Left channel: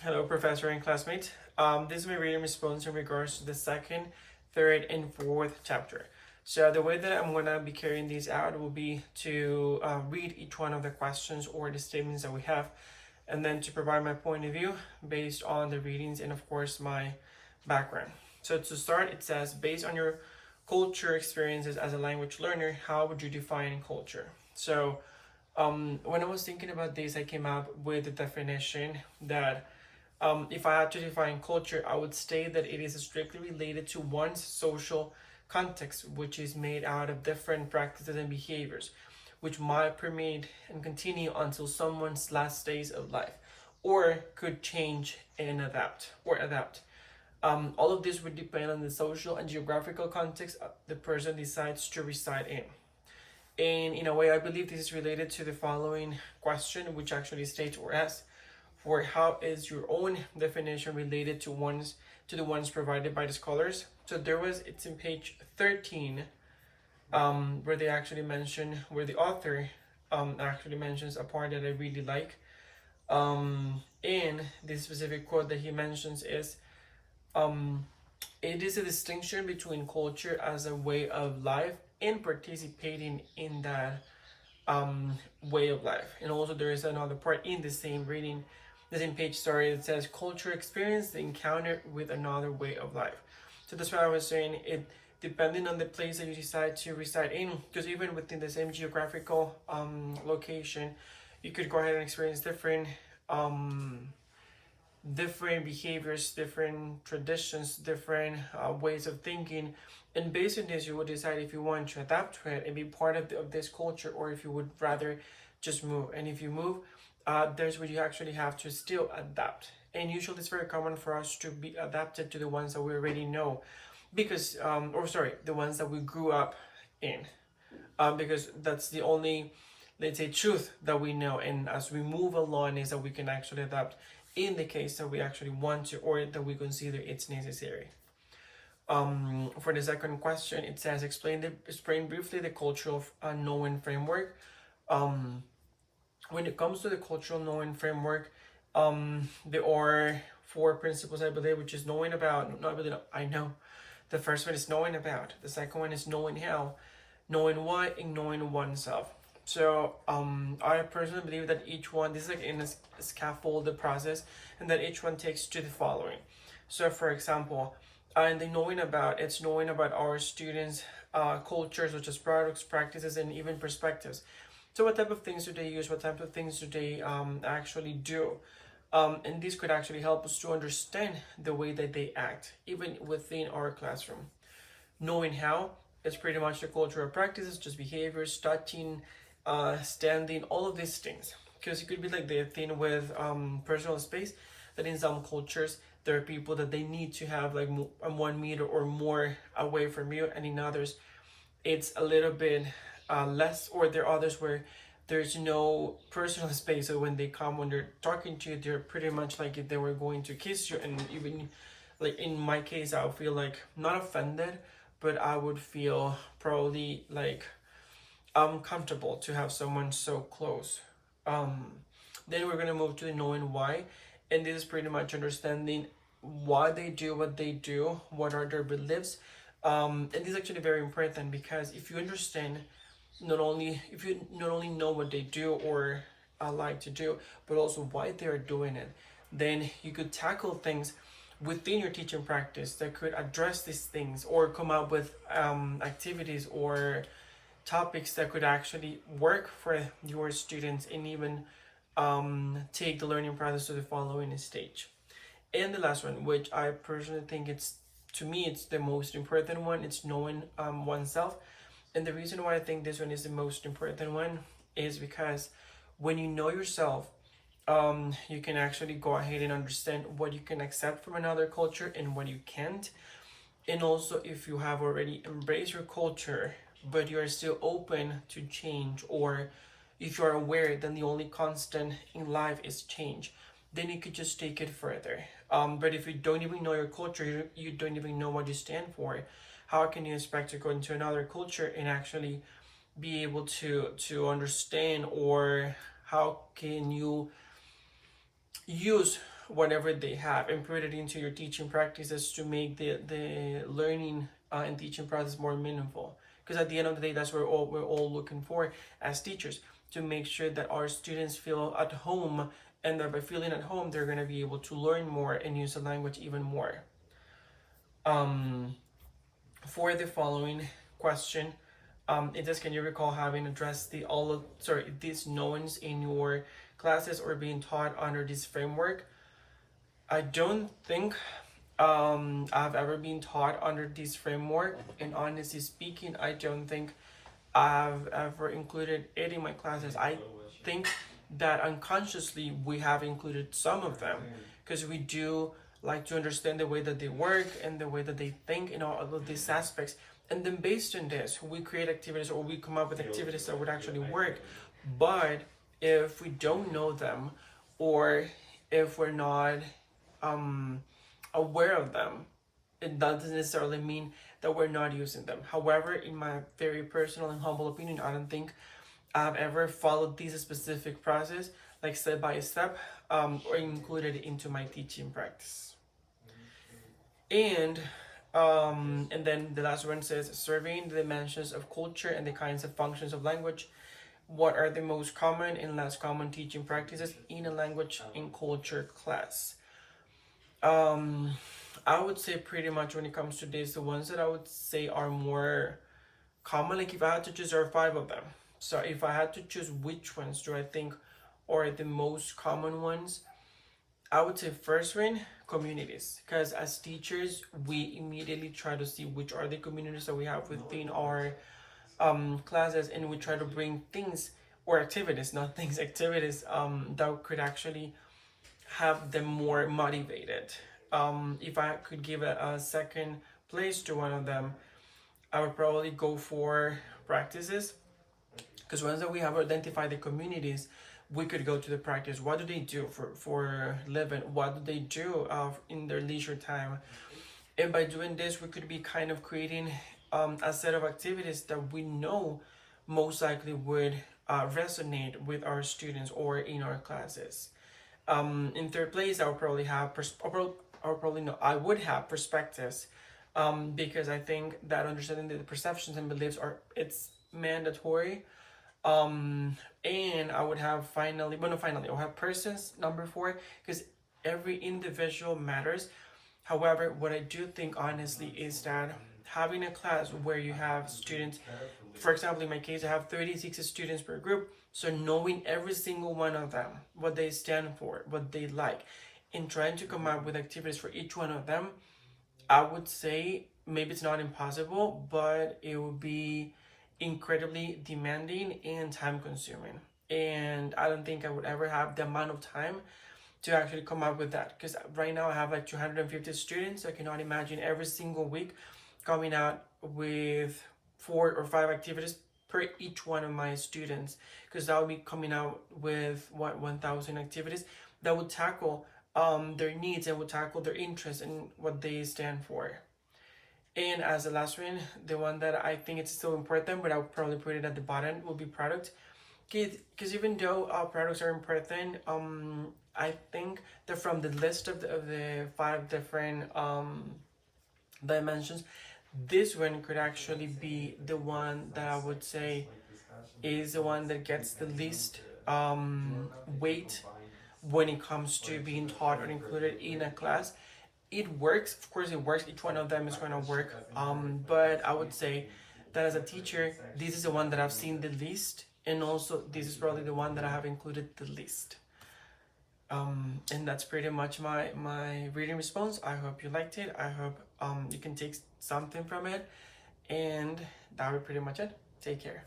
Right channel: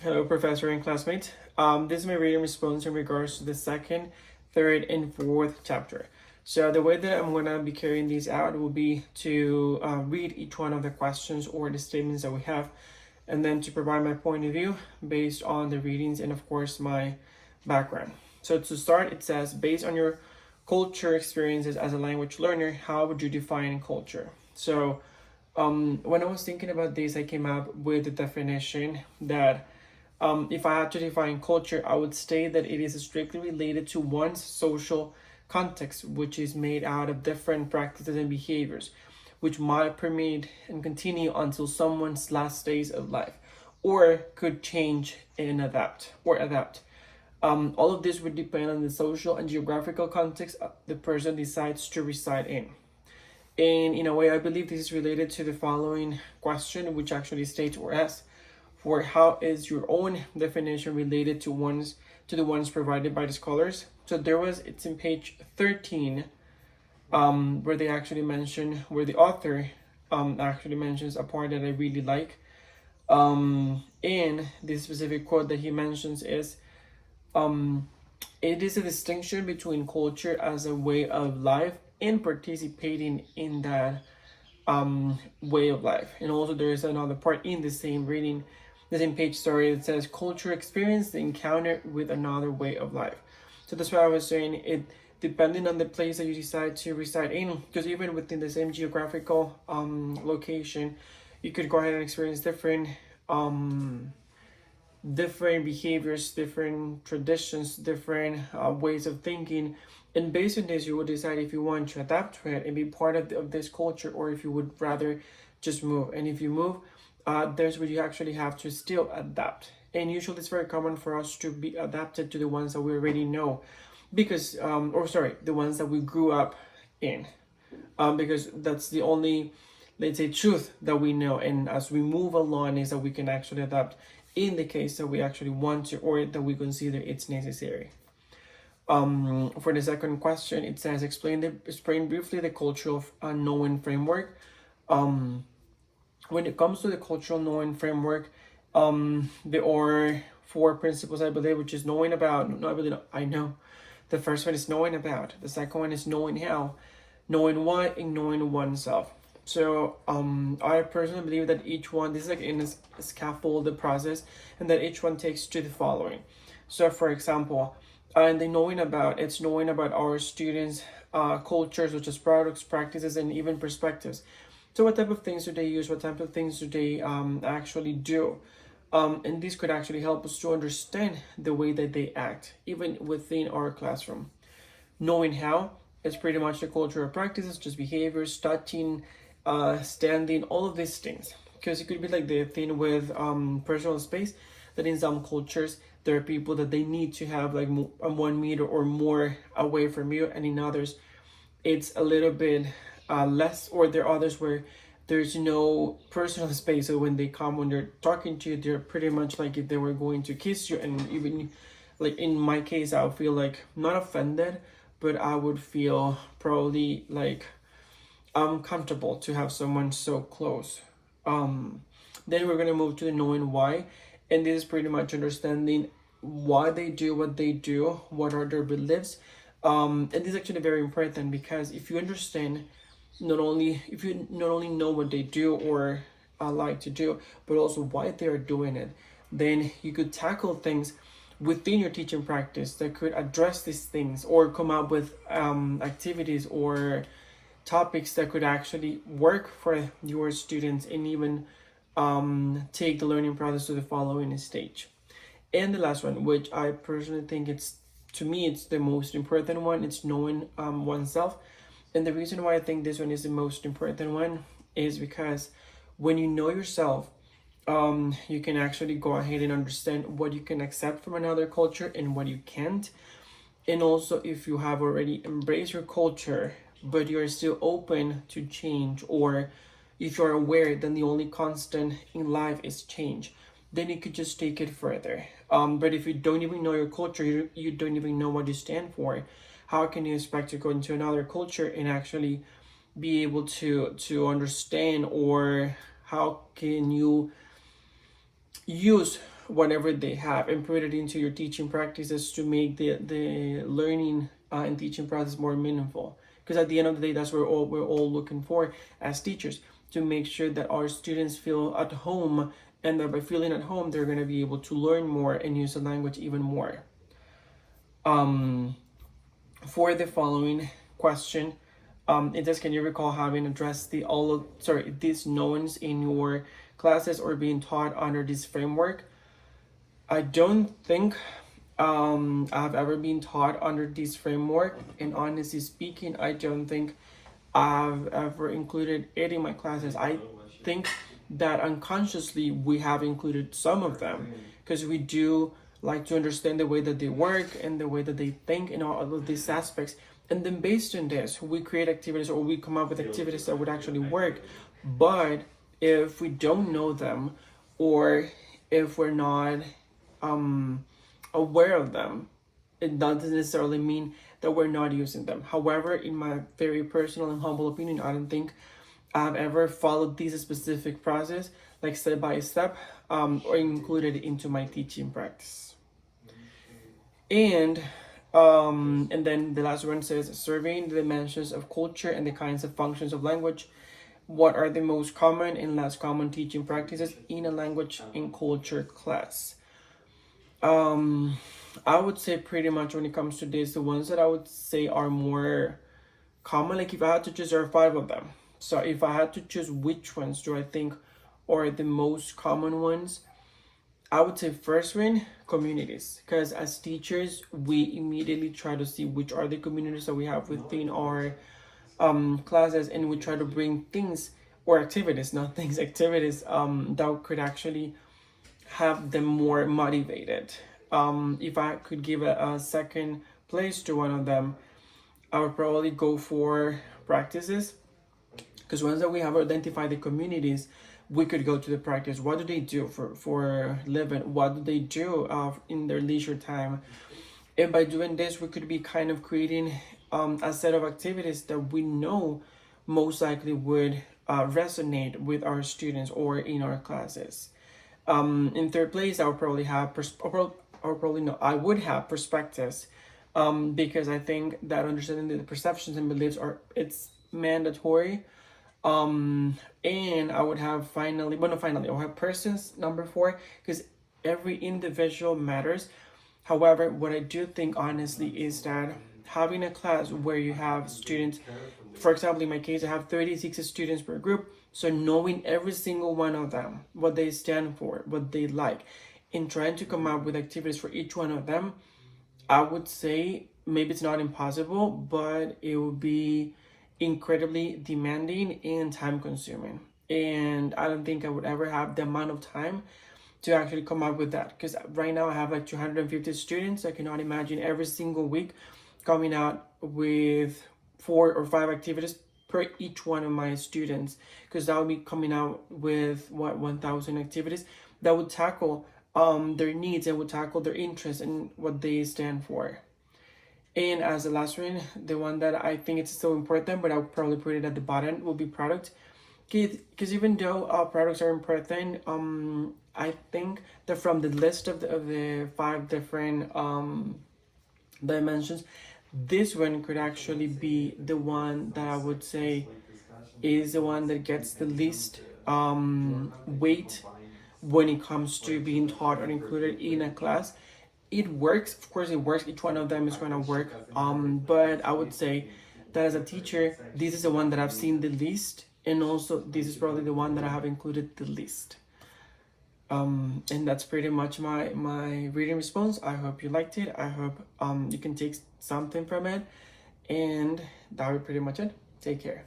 Hello, professor and classmates. This is my reading response in regards to the second, third, and fourth chapter. So the way that I'm going to be carrying these out will be to read each one of the questions or the statements that we have, and then to provide my point of view based on the readings and, of course, my background. So to start, it says, based on your culture experiences as a language learner, how would you define culture? So when I was thinking about this, I came up with the definition that if I had to define culture, I would say that it is strictly related to one's social context, which is made out of different practices and behaviors, which might permeate and continue until someone's last days of life, or could change and adapt. All of this would depend on the social and geographical context the person decides to reside in. And in a way, I believe this is related to the following question, which actually states or asks for how is your own definition related to the ones provided by the scholars. So it's in page 13, where they actually mention, where the author actually mentions a part that I really like. In this specific quote that he mentions is, it is a distinction between culture as a way of life and participating in that way of life. And also there is another part in the same reading, the same page, sorry, that says culture experience the encounter with another way of life. So that's why I was saying it, depending on the place that you decide to reside in, because even within the same geographical location, you could go ahead and experience different behaviors, different traditions, different ways of thinking. And based on this, you will decide if you want to adapt to it and be part of this culture, or if you would rather just move. And if you move, there's where you actually have to still adapt. And usually it's very common for us to be adapted to the ones that we already know, because, the ones that we grew up in, because that's the only, let's say, truth that we know. And as we move along, is that we can actually adapt in the case that we actually want to, or that we consider it's necessary. For the second question, it says, explain briefly the cultural knowing framework. When it comes to the cultural knowing framework, there are four principles, I believe, which is knowing about, no, I believe, I know. The first one is knowing about. The second one is knowing how, knowing why, and knowing oneself. So I personally believe that each one, this is like in a scaffolded process, and that each one takes to the following. So for example, and the knowing about, it's knowing about our students' cultures, such as products, practices, and even perspectives. So what type of things do they use? What type of things do they actually do? And this could actually help us to understand the way that they act, even within our classroom. Knowing how, it's pretty much the cultural practices, just behaviors, touching, standing, all of these things. Because it could be like the thing with personal space, that in some cultures, there are people that they need to have like 1 meter or more away from you, and in others, it's a little bit less, or there are others where there's no personal space. So when they come, when they're talking to you, they're pretty much like if they were going to kiss you. And even like in my case, I would feel like not offended, but I would feel probably like uncomfortable to have someone so close. Then we're gonna move to the knowing why, and this is pretty much understanding why they do what they do, what are their beliefs. And this is actually very important, because if you understand, if you not only know what they do or like to do, but also why they are doing it, then you could tackle things within your teaching practice that could address these things, or come up with activities or topics that could actually work for your students, and even take the learning process to the following stage. And the last one, which I personally think it's the most important one, it's knowing oneself. And the reason why I think this one is the most important one is because when you know yourself, you can actually go ahead and understand what you can accept from another culture and what you can't. And also, if you have already embraced your culture, but you're still open to change, or if you're aware that the only constant in life is change, then you could just take it further. But if you don't even know your culture, you don't even know what you stand for, how can you expect to go into another culture and actually be able to understand, or how can you use whatever they have and put it into your teaching practices to make the learning and teaching process more meaningful. Because at the end of the day, that's what we're all looking for as teachers, to make sure that our students feel at home, and that by feeling at home, they're going to be able to learn more and use the language even more. For the following question, it says, can you recall having addressed these knowns in your classes or being taught under this framework? I don't think I've ever been taught under this framework, and honestly speaking, I don't think I've ever included it in my classes. I think that unconsciously we have included some of them, because we do like to understand the way that they work and the way that they think and all of these aspects. And then based on this, we create activities, or we come up with activities that would actually work. But if we don't know them, or if we're not aware of them, it doesn't necessarily mean that we're not using them. However, in my very personal and humble opinion, I don't think I've ever followed this specific process, like step by step, or included it into my teaching practice. And then the last one says, surveying the dimensions of culture and the kinds of functions of language. What are the most common and less common teaching practices in a language and culture class? I would say pretty much when it comes to this, the ones that I would say are more common, like if I had to choose, there are 5 of them. So if I had to choose which ones do I think are the most common ones, I would say first one, communities. Because as teachers, we immediately try to see which are the communities that we have within our classes, and we try to bring things or activities, not things, activities that could actually have them more motivated. If I could give a second place to one of them, I would probably go for practices, because once that we have identified the communities, we could go to the practice. What do they do for living? What do they do in their leisure time? And by doing this, we could be kind of creating a set of activities that we know most likely would resonate with our students or in our classes. In third place, I would probably have I would have perspectives, because I think that understanding the perceptions and beliefs it's mandatory. And I would have I'll have persons, number 4, because every individual matters. However, what I do think honestly is that having a class where you have students, for example, in my case, I have 36 students per group. So knowing every single one of them, what they stand for, what they like, and trying to come up with activities for each one of them, I would say maybe it's not impossible, but it would be incredibly demanding and time consuming. And I don't think I would ever have the amount of time to actually come up with that, because right now I have like 250 students. I cannot imagine every single week coming out with 4 or 5 activities per each one of my students, because that would be coming out with 1,000 activities that would tackle their needs and would tackle their interests and what they stand for. And as the last one, the one that I think it's still important, but I'll probably put it at the bottom, will be product. Because even though products are important, I think that from the list of the 5 different dimensions, this one could actually be the one that I would say is the one that gets the least weight when it comes to being taught or included in a class. It works, of course it works, each one of them is going to work, but I would say that as a teacher, this is the one that I've seen the least, and also this is probably the one that I have included the least. And that's pretty much my reading response. I hope you liked it. I hope you can take something from it, and that would pretty much it. Take care.